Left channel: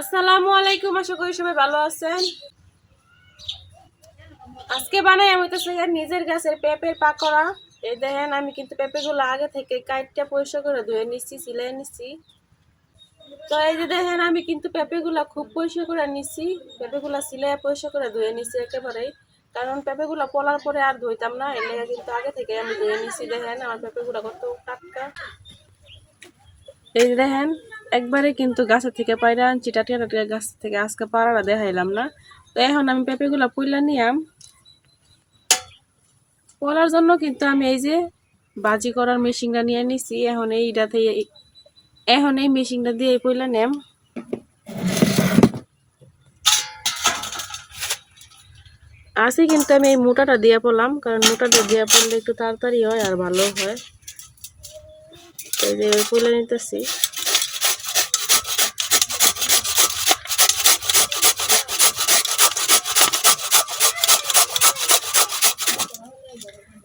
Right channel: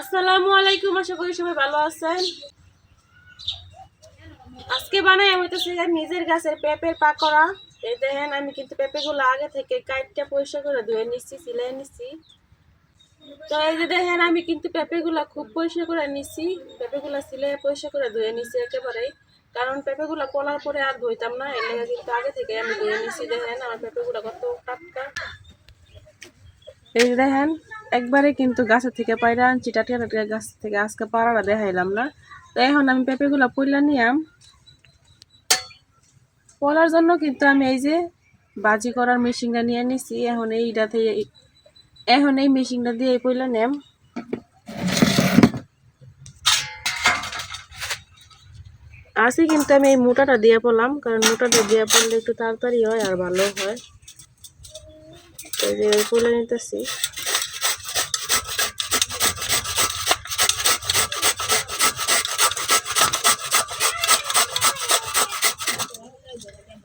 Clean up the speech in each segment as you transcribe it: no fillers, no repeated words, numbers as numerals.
আসসালামু আলাইকুম, আশা করি সবাই ভালো আছেন। আজকে বানাই আমি তো নিজের গাছের পেঁপের পাকোড়া। এই দেখেন, আমি কিন্তু পেঁপেগুলো আগে থেকে কাইটটা পরিষ্কার করে ধুয়ে নিচ্ছি, সিলাই নিচ্ছি। তো এই যে দেখেন, আমি কিন্তু পেঁপেগুলা খুব পরিষ্কার করে নিচ্ছি। পেঁপেগুলা সিলাই পরিষ্কার করে ধুয়ে নিচ্ছি একেবারেই, কারণ পেঁপেগুলা পলার পরে আর ধুইতাম না, এর লেগে কিন্তু আগে থেকে আমি ধুয়ে নিচ্ছি। দেখেন আমার পেঁপেগুলা কত টাটকা। এই যে দেখেন, একবারে কিন্তু গাছের থেকে পায়রা আনছি, টাটকা টাটকা গাছ থেকে। আজকে পাড়াটা দেখাইলাম না। তো এখন আমি পেঁপেগুলা পইলা নিয়াম। পলার জন্য কিন্তু আমি এই যে বাজি করার মেশিনটা নিয়ে নিছি। এখন এই মেশিনটা দিয়ে পইলা নেম। আসি কিন্তু আমি এই মোটাটা দিয়ে পড়লাম, কারণ মোটাটা দিয়ে পড়লে একটু তাড়াতাড়ি হয় আর ভালো হয়। এই যে পইলা নিতেছি।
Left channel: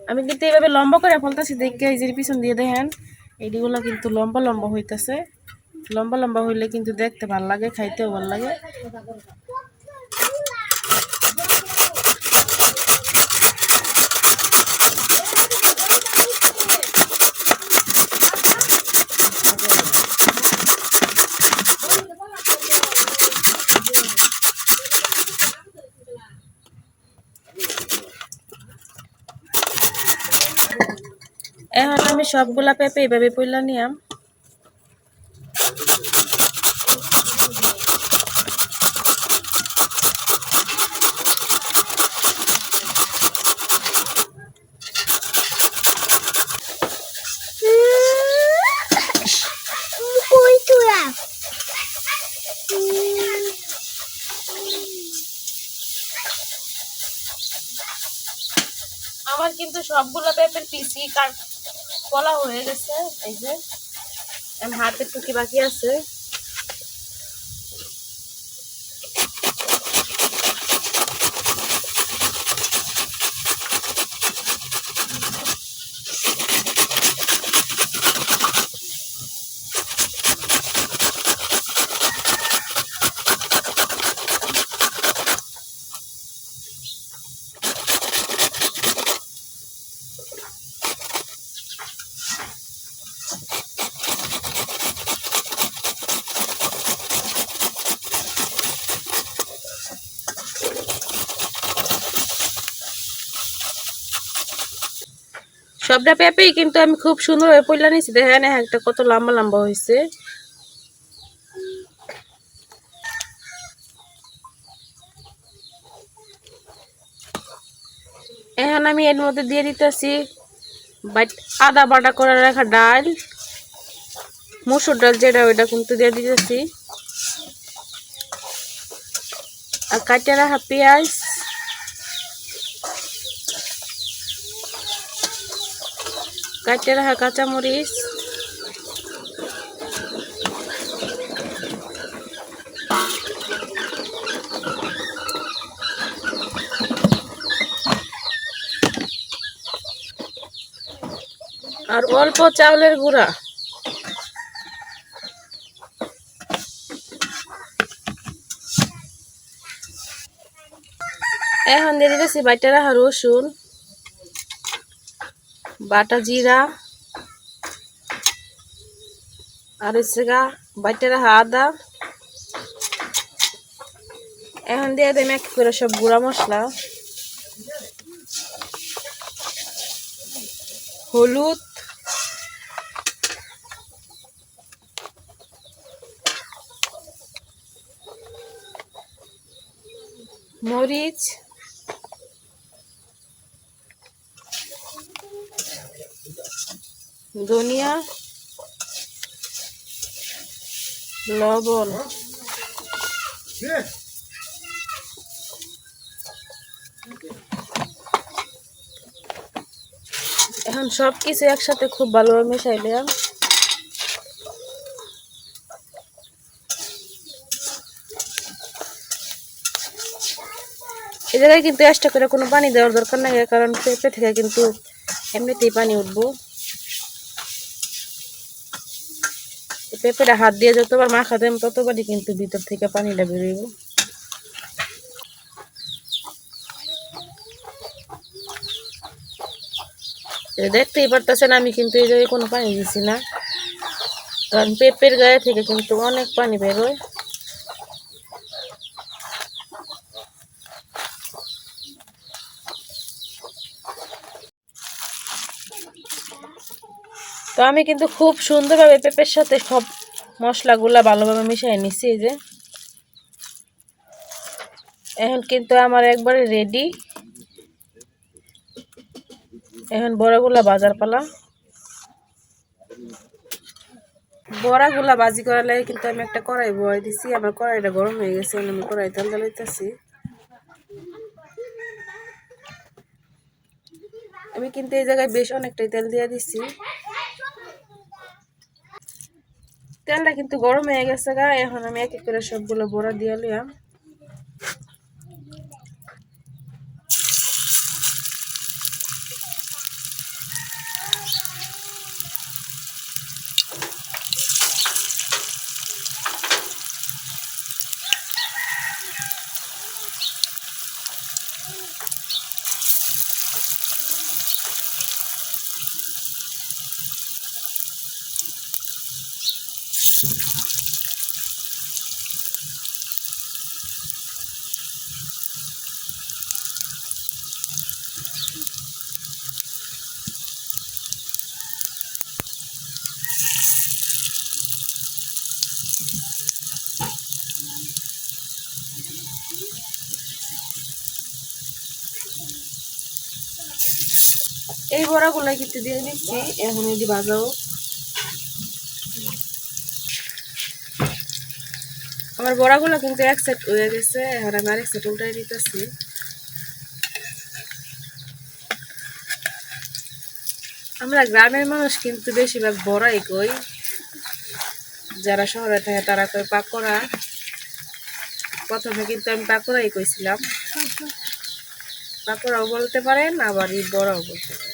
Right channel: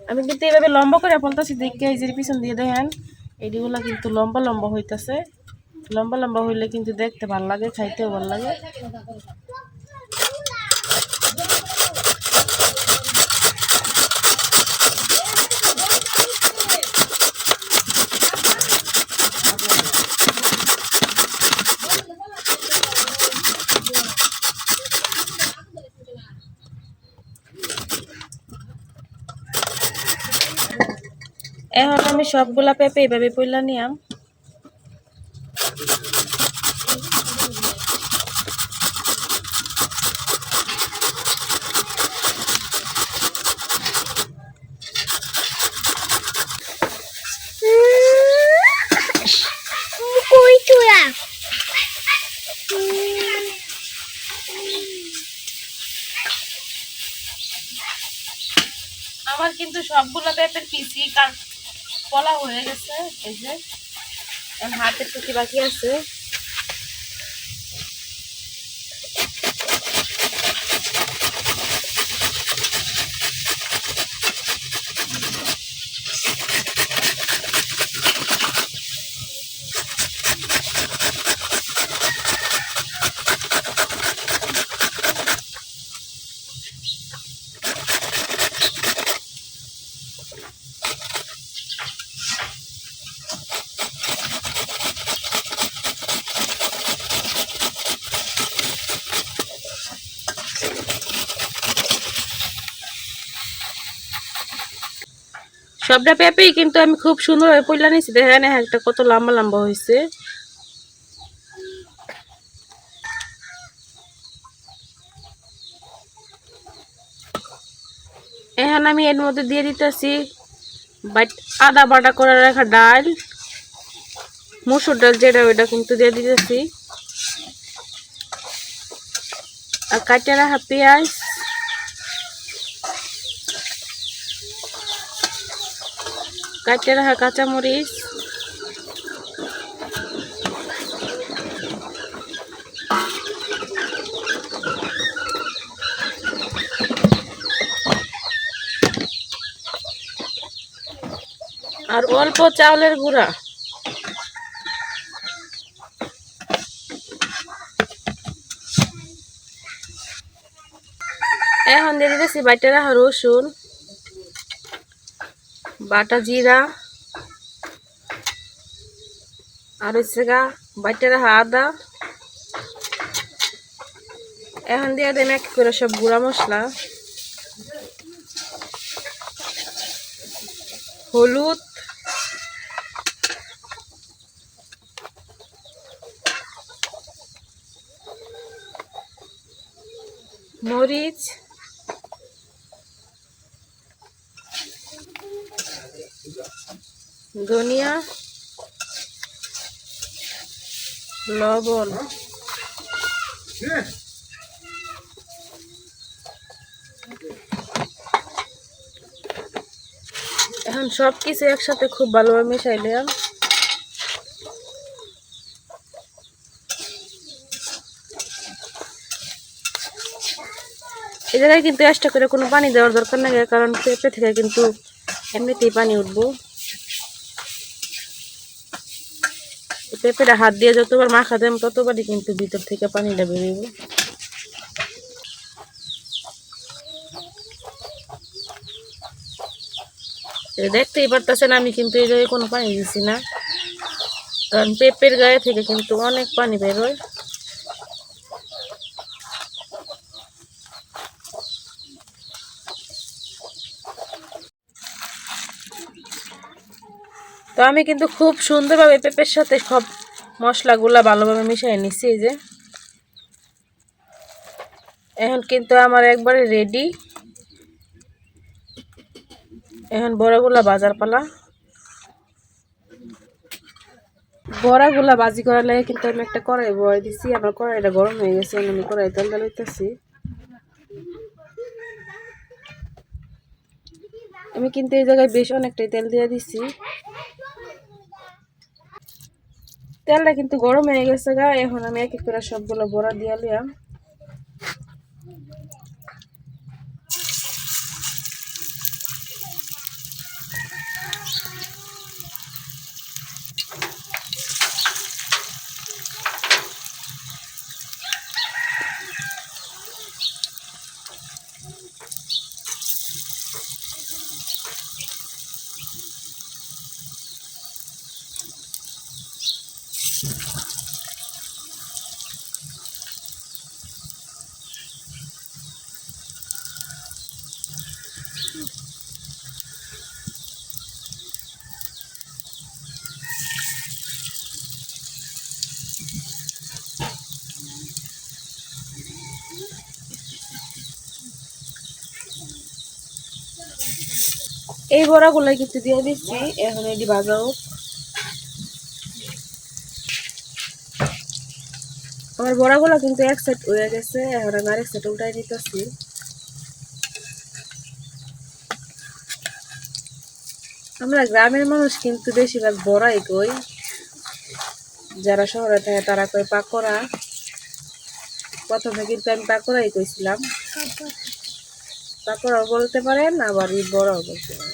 আমি কিন্তু এইভাবে লম্বা করে ফলতেছি দেখে, এই যে পিছন দিয়ে দেখেন এইগুলা কিন্তু লম্বা লম্বা হইতেছে। লম্বা লম্বা হইলে কিন্তু দেখতে ভাল লাগে, খাইতেও ভাল লাগে। এখন আমি সবগুলা পেঁপে এইভাবে পইলা নিয়াম। আমার কিন্তু সবগুলা পেঁপের পিসি কলা হয়ে গেছে। এই যে হাতের টুকি বাকি আছে। সবটা পেঁপেই কিন্তু আমি খুব সুন্দরভাবে পইলা নিয়েছি। দেখেন একটা কত লম্বা লম্বা হয়েছে। এখন আমি এর মধ্যে দিয়ে দিতেছি আদা বাটা করে রাখা ডাল, মসুর ডাল যেটা, ওইটা কিন্তু দিয়ে দিতেছি। আর কাটে রাখা পেঁয়াজ, কাটে রাখা কাঁচামরিচ, আর অল্প চাউলের গুঁড়া। এখন দিয়ে দিতেছি বাইটা রাখা রসুন, বাটা জিরা, আর হচ্ছে বাইটা রাখা আদা। এখন দিয়ে দেন এক করে সব গুঁড়া মশলা, হলুদ, মরিচ, ধনিয়া, লবণ। এখন সবকিছু একসাথে খুব ভালোভাবে মেশাইলাম। এই জায়গায় কিন্তু এক্সট্রা করে কোনো পানি দেওয়ার দরকার নাই, কারণ পেঁপে থেকে কিন্তু এমনিতেই পানি উঠবো। পেঁপেটা হাত দিয়ে যতবার মাখা দেন ততবারই কিন্তু ভিতর থেকে পানিটা বেরোইব। দেখতেই পারতেছেন আমি কিন্তু এই জায়গায় কোনো পানি দিছি না, কারণ পেঁপের গায়ে থেকে কিন্তু অনেক পানি বেরোয়। তো আমি কিন্তু খুব সুন্দরভাবে পেঁপের সাথে সব মশলাগুলা ভালোভাবে মিশিয়ে নিচ্ছি। এই যে এখন কিন্তু আমার একবারে রেডি। এখন বড়াগুলা বাজার পালা। বড়াগুলা ভাজি করার লাগে কিন্তু আমি একটা কড়াই বয়ে দিছি। আমার কড়াইটা গরম হয়ে গেছে, আমি কড়াই তেল ঢালাইতেছি। আমি কিন্তু এই জায়গায় বেশ অনেকটাই তেল দিয়ে দিছি। তেলটা কিন্তু গরম হয়ে গেছে গা। এখন আমি এক এক করে সবগুলো বড়া দিয়ে লিয়াম। এই বড়াগুলো কিন্তু দিয়ে দিচ্ছি। এখন এটি ভাজাও। আমার বড়াগুলো কিন্তু এক সাইড হয়ে গেছে, এখন আমি আরেক সাইড উল্টাই দিতেছি। আমরা গ্রামের মানুষ কিন্তু বেশিরভাগ বড়াই কই, যারা শহরে থাকে তারা কই পাকোড়া। প্রথমে কিন্তু আমি পাকোড়াই কইছিলাম, পাকোড়াও বলতে পারেন আবার এই বড়াও বলতে পারেন।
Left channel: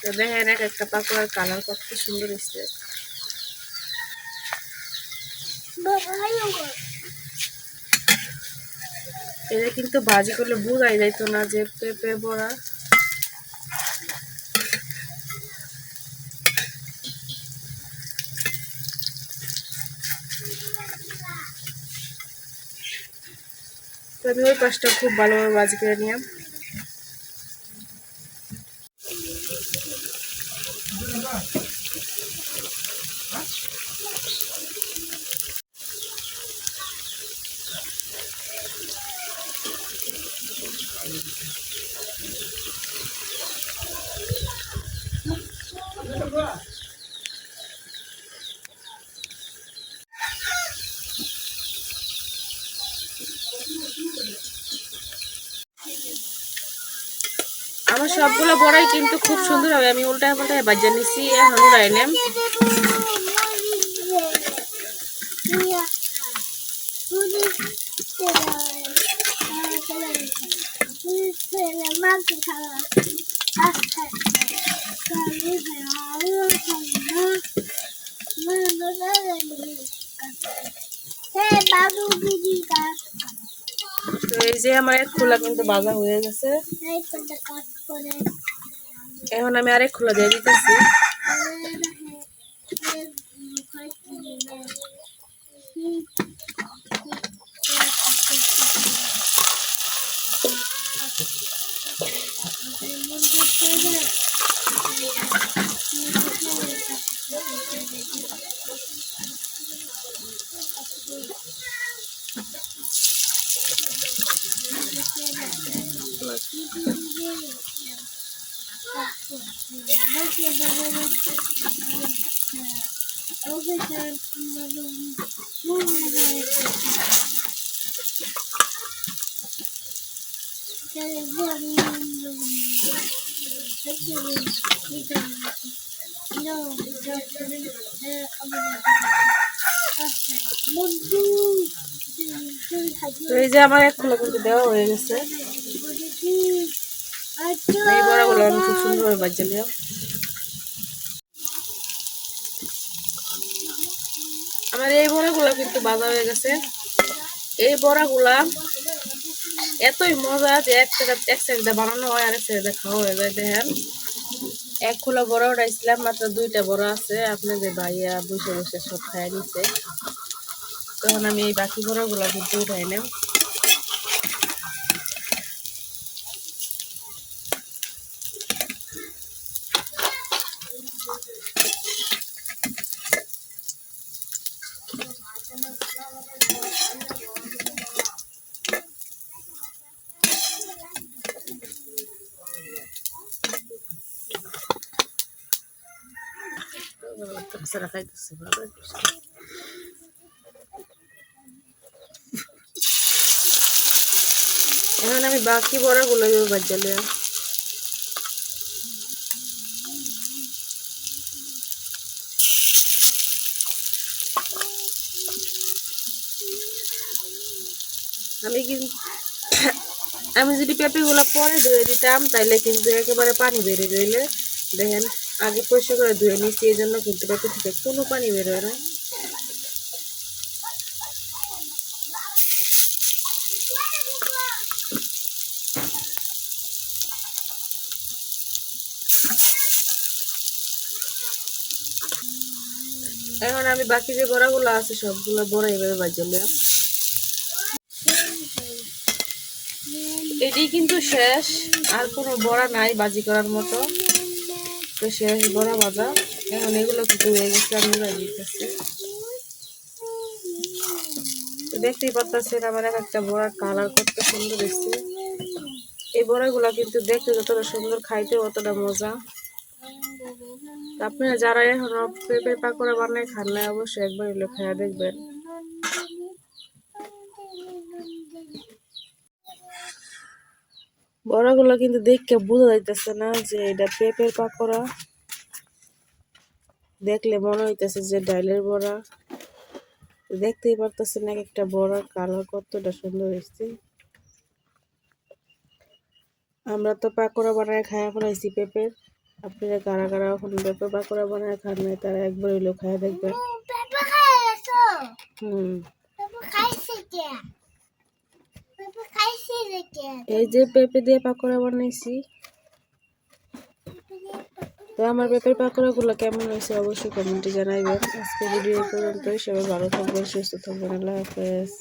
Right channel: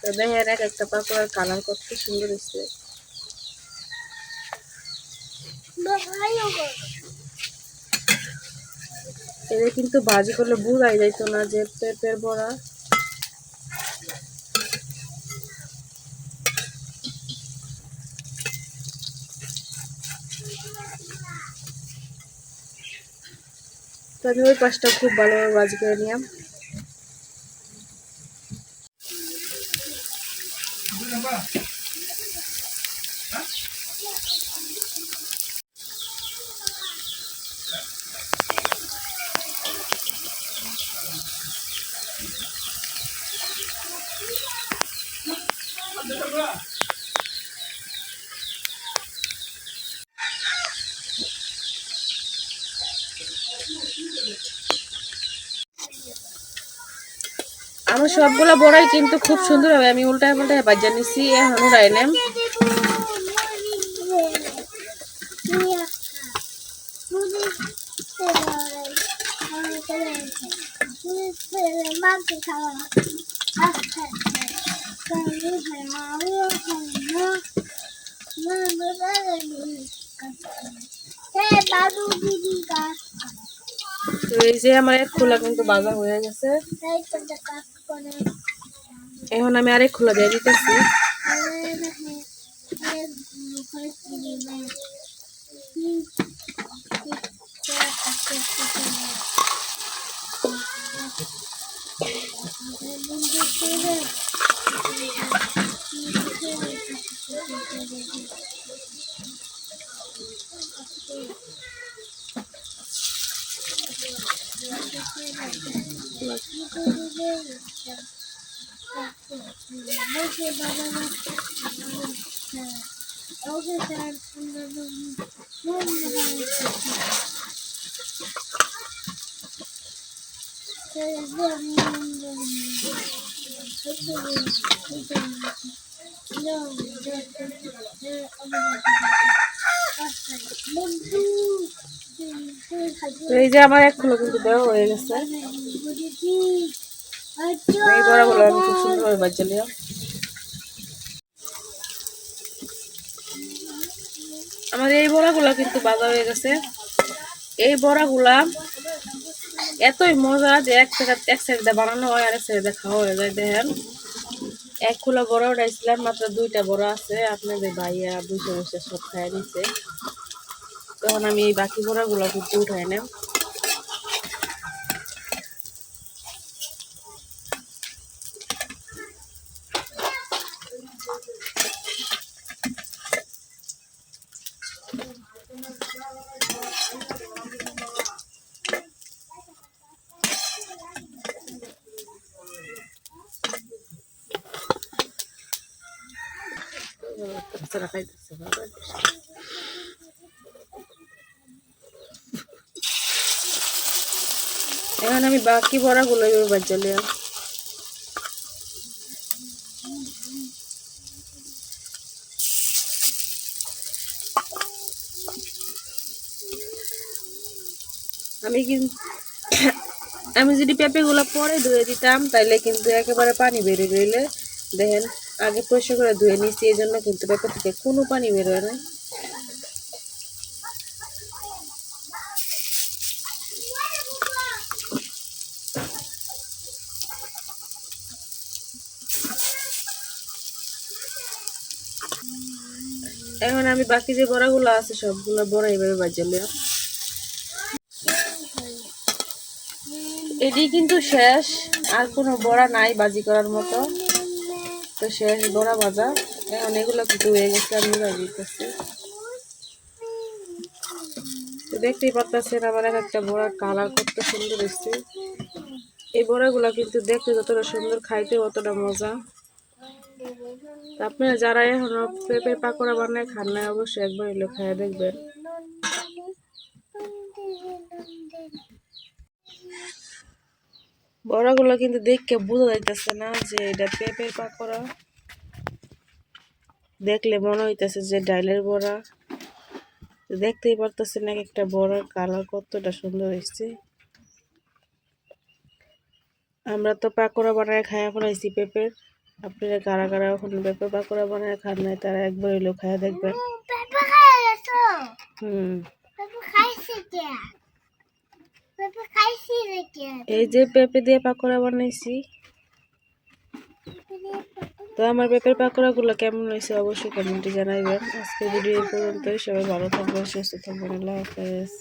তো দেখেন এক একটা পাকোড়ার কালার কত সুন্দর হচ্ছে। এটা কিন্তু ভাজি করলে বোঝাই যাইতো না যে পেঁপের বড়া। তো আমি ওই পাশটা খুব ভালোভাবে ভাজি করে নিলাম। আমার সবগুলো বড়াই কিন্তু খুব সুন্দর হবে। আমি উল্টায় পাল্টায় ভাজা নিচ্ছি। এখন উড়াই নেম। তো এই যে আমার এক খোলা কিন্তু ভাজা হয়ে গেছে। এখন আমি আরেক খোলা দিয়ে দিতেছি। এই যে আমার এক খোলা কিন্তু দেওয়া হয়ে গেছে। এই বড়াগুলো আমি খুব সুন্দরভাবে ভাজা লিয়া। আমার এই বড়াগুলা কিন্তু ভাজা হয়ে গেছে। এই বড়াগুলা এতই মজা যে এক সাইড বানানো হয় আর এক সাইড খাওয়া হয়ে যায়। দেখেন এক খোলা বড়া উঠাইছিলাম, মাত্র 2টা বড়া আছে, আপনাদের ভাইয়া বসে বসে সব খাই নিচ্ছে। তখন আমি এই বাকি বড়াগুলা কিন্তু উঠাই নেব। এখন আমি বাকি বড়াগুলো বাজালে আমি যদি পেঁপেগুলো পরে ধুয়ে দিতাম তাইলে কিন্তু একেবারে পানি বেরিয়ে রইলে। দেখেন আগে পরিষ্কার করে ধুয়ে নিচ্ছি, এই জন্য কিন্তু পেঁপে থেকে কোনো পানি বেরোয় না। এখন আমি বাকি যে বড়াগুলো আছে সবগুলো বড়া এইভাবে বাজালে। এটি কিন্তু শেষ, আর কোনো বড়া নাই বাজি করার মতো। তো শেষ বড়া ভাজা। এখন এগুলো কিন্তু হয়ে গেছে, আমি দিতেছি। তো দেখতেই পাচ্ছেন আমার একটা বড়ার কালার কত সুন্দর এসছে। এই বড়াগুলো কিন্তু দেখতে যতটা সুন্দর, খাইতে অতটা মজা। আপনারা যারা এখনো পেঁপের পাকোড়া বানায় খান না, অবশ্যই একবার হইলে খাইয়া দেখবেন। বড়াগুলো কিন্তু দেখে বোঝা যাইতেছে না যে এটা পেঁপের পাকোড়া, দেখলে মনে হইতেছে যে ডাইলের বড়া। দেখতেই পারতেছেন এক একটা বড়ার কালার কতটা সুন্দর হয়েছে। আমরা তো পাকোড়া বানায় খাইয়া ফেলাইছি পেঁপের, আপনারা কারা কারা এখন পেঁপে পাকোড়া বানায় খান নাই তারা একবার হইলেও খাইয়া দেখবেন। এই যে পেঁপে দিয়ে পাকোড়া বানাইছি। তো আমার পেঁপের পাকোড়া গুলো কেমন হয়েছে অবশ্যই কমেন্টে জানাইবেন। আজকে ভিডিও এই পর্যন্তই। সবাই ভালো থাকবেন, সুস্থ থাকবেন। আল্লাহ হাফেজ।